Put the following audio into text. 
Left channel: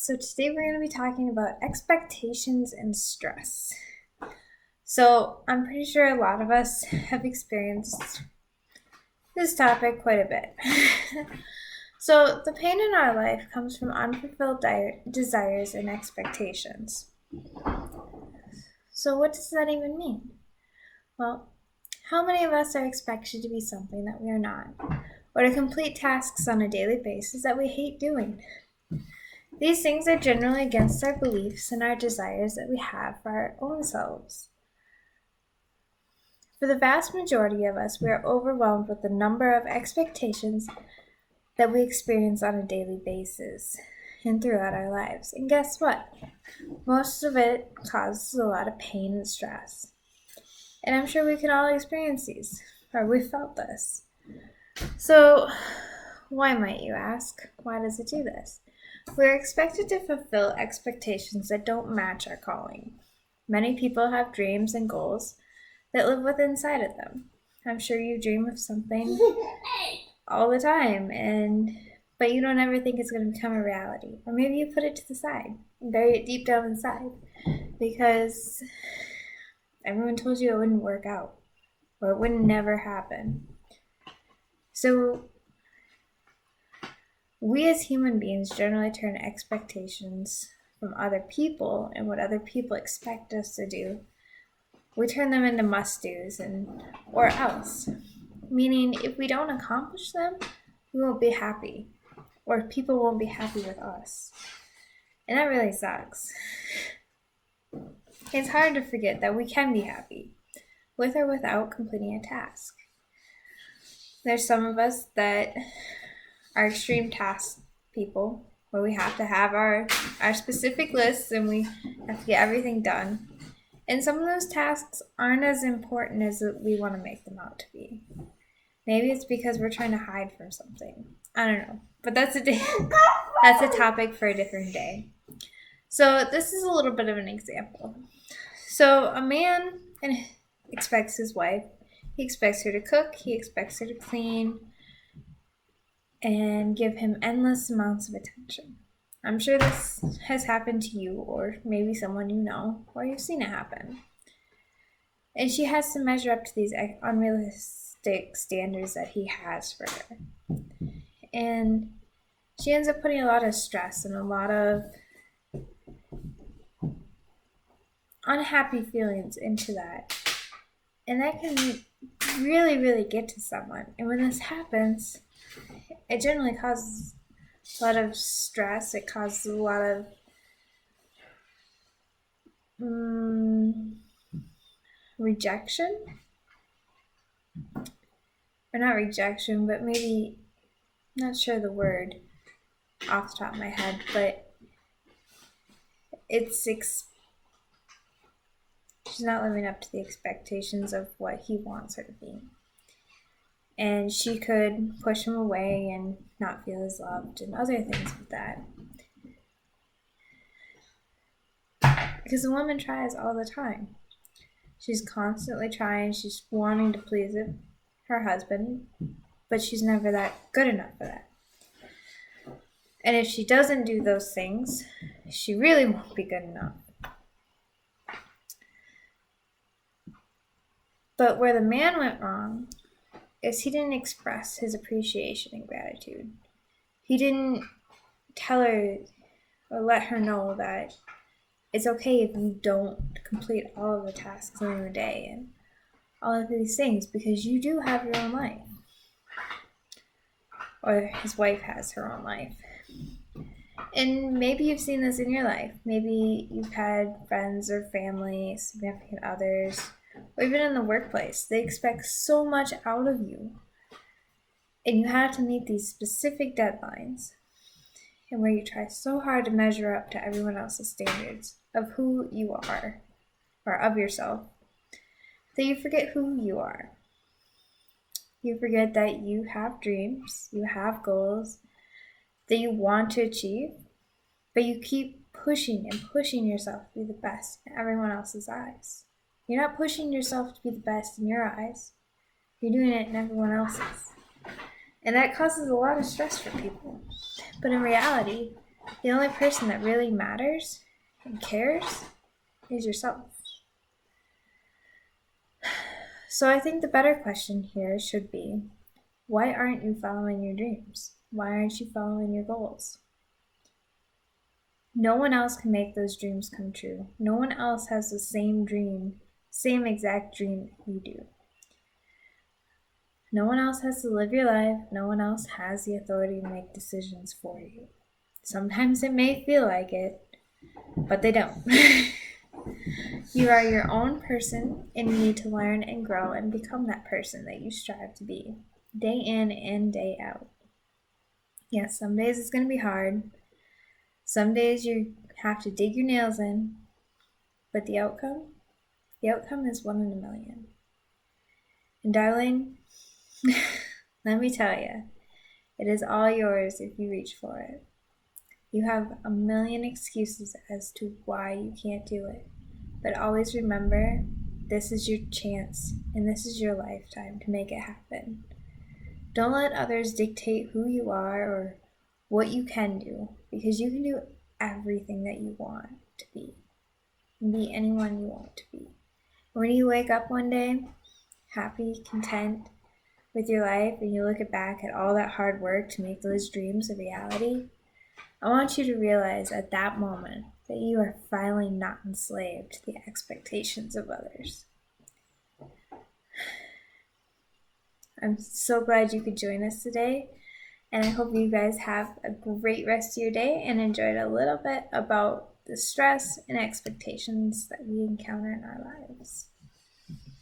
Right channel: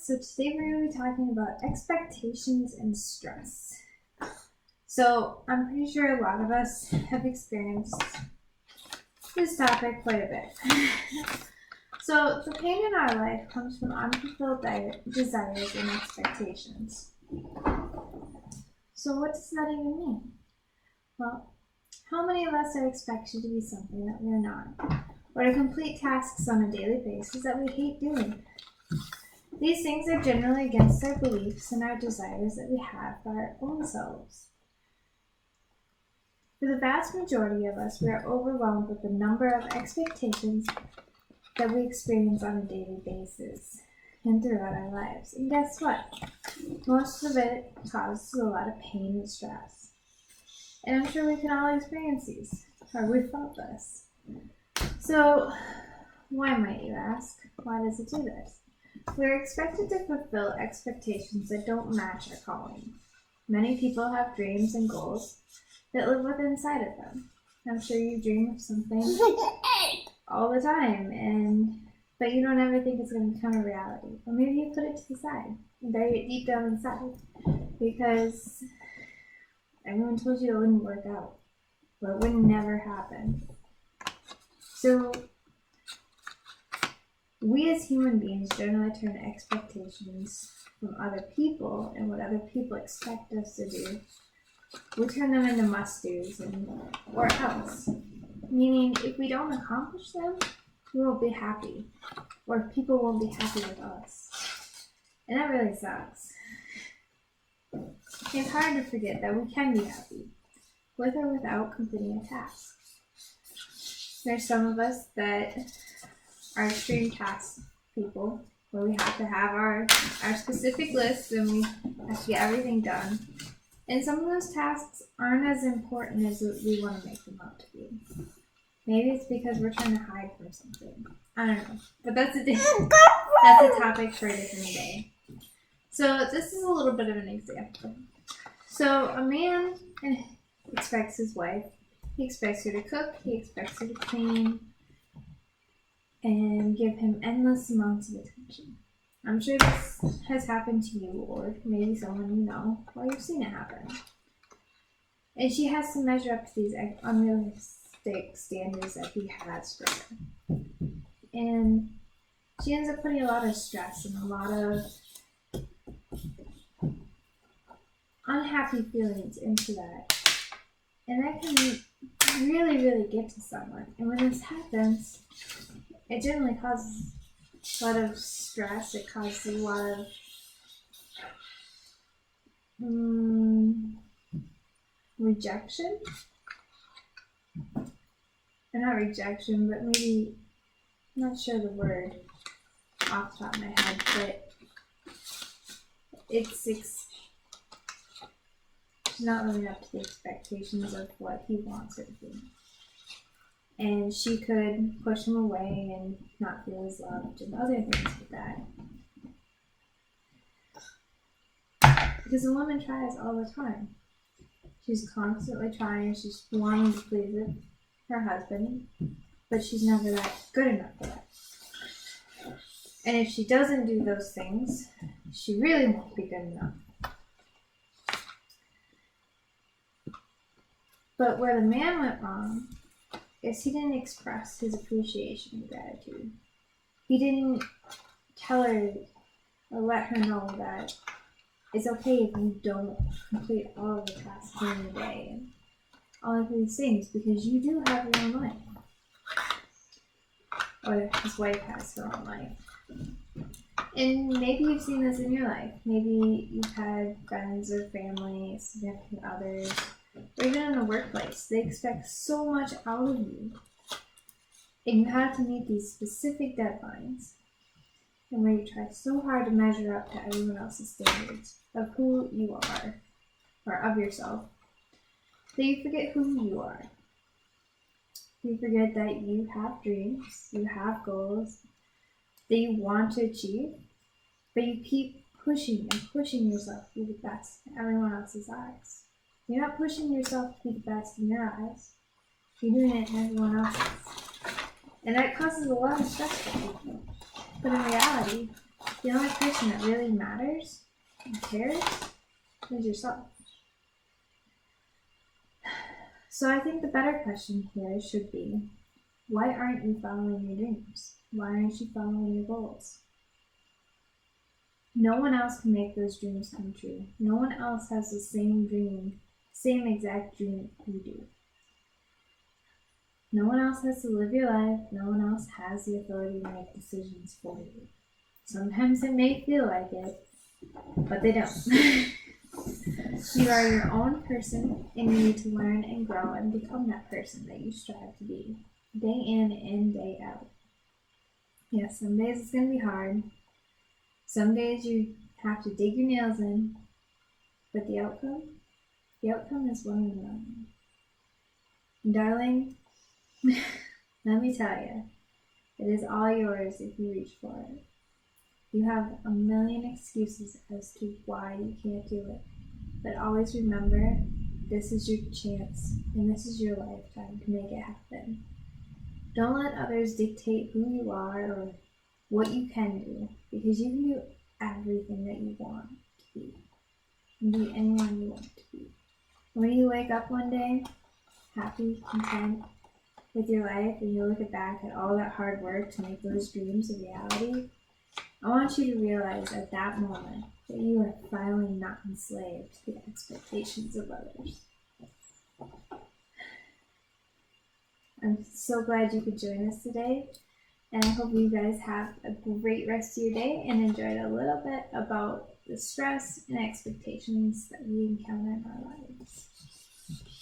So today we're going to be talking about expectations and stress. So I'm pretty sure a lot of us have experienced this topic quite a bit. So the pain in our life comes from unfulfilled desires and expectations. So what does that even mean? Well, how many of us are expected to be something that we are not, or to complete tasks on a daily basis that we hate doing? These things are generally against our beliefs and our desires that we have for our own selves. For the vast majority of us, we are overwhelmed with the number of expectations that we experience on a daily basis and throughout our lives. And guess what? Most of it causes a lot of pain and stress. And I'm sure we can all experience these, or we've felt this. So, why might you ask? Why does it do this? We're expected to fulfill expectations that don't match our calling. Many people have dreams and goals that live within inside of them. I'm sure you dream of something all the time, but you don't ever think it's going to become a reality. Or maybe you put it to the side and bury it deep down inside because everyone told you it wouldn't work out or it would never happen. So we as human beings generally turn expectations from other people and what other people expect us to do, we turn them into must-dos or else. Meaning, if we don't accomplish them, we won't be happy, or people won't be happy with us. And that really sucks. It's hard to forget that we can be happy, with or without completing a task. There's some of us that are extreme task people, where we have to have our specific lists and we have to get everything done. And some of those tasks aren't as important as we want to make them out to be. Maybe it's because we're trying to hide from something. I don't know. But that's a topic for a different day. So this is a little bit of an example. So a man expects his wife, he expects her to cook, he expects her to clean, and give him endless amounts of attention. I'm sure this has happened to you or maybe someone you know or you've seen it happen. And she has to measure up to these unrealistic standards that he has for her. And she ends up putting a lot of stress and a lot of unhappy feelings into that. And that can really, really get to someone. And when this happens, it generally causes a lot of stress. It causes a lot of rejection. Or not rejection, but maybe, not sure the word off the top of my head, but she's not living up to the expectations of what he wants her to be. And she could push him away and not feel as loved and other things with that. Because a woman tries all the time. She's constantly trying, she's wanting to please her husband, but she's never that good enough for that. And if she doesn't do those things, she really won't be good enough. But where the man went wrong is he didn't express his appreciation and gratitude. He didn't tell her or let her know that it's okay if you don't complete all of the tasks in your day and all of these things because you do have your own life. Or his wife has her own life. And maybe you've seen this in your life. Maybe you've had friends or family, significant others, or even in the workplace. They expect so much out of you. And you have to meet these specific deadlines. And where you try so hard to measure up to everyone else's standards of who you are, or of yourself, that you forget who you are. You forget that you have dreams, you have goals that you want to achieve, but you keep pushing and pushing yourself to be the best in everyone else's eyes. You're not pushing yourself to be the best in your eyes. You're doing it in everyone else's. And that causes a lot of stress for people. But in reality, The only person that really matters and cares is yourself. So I think the better question here should be, why aren't you following your dreams? Why aren't you following your goals? No one else can make those dreams come true. No one else has the same dream, same exact dream you do. No one else has to live your life. No one else has the authority to make decisions for you. Sometimes it may feel like it, but they don't. You are your own person and you need to learn and grow and become that person that you strive to be, day in and day out. Yes, some days it's going to be hard. Some days you have to dig your nails in, but the outcome is 1 in a million. And darling, let me tell you, it is all yours if you reach for it. You have a million excuses as to why you can't do it, but always remember, this is your chance and this is your lifetime to make it happen. Don't let others dictate who you are or what you can do, because you can do everything that you want to be and be anyone you want to be. When you wake up one day, happy, content with your life, and you look back at all that hard work to make those dreams a reality, I want you to realize at that moment that you are finally not enslaved to the expectations of others. I'm so glad you could join us today, and I hope you guys have a great rest of your day and enjoyed a little bit about the stress and expectations that we encounter in our lives.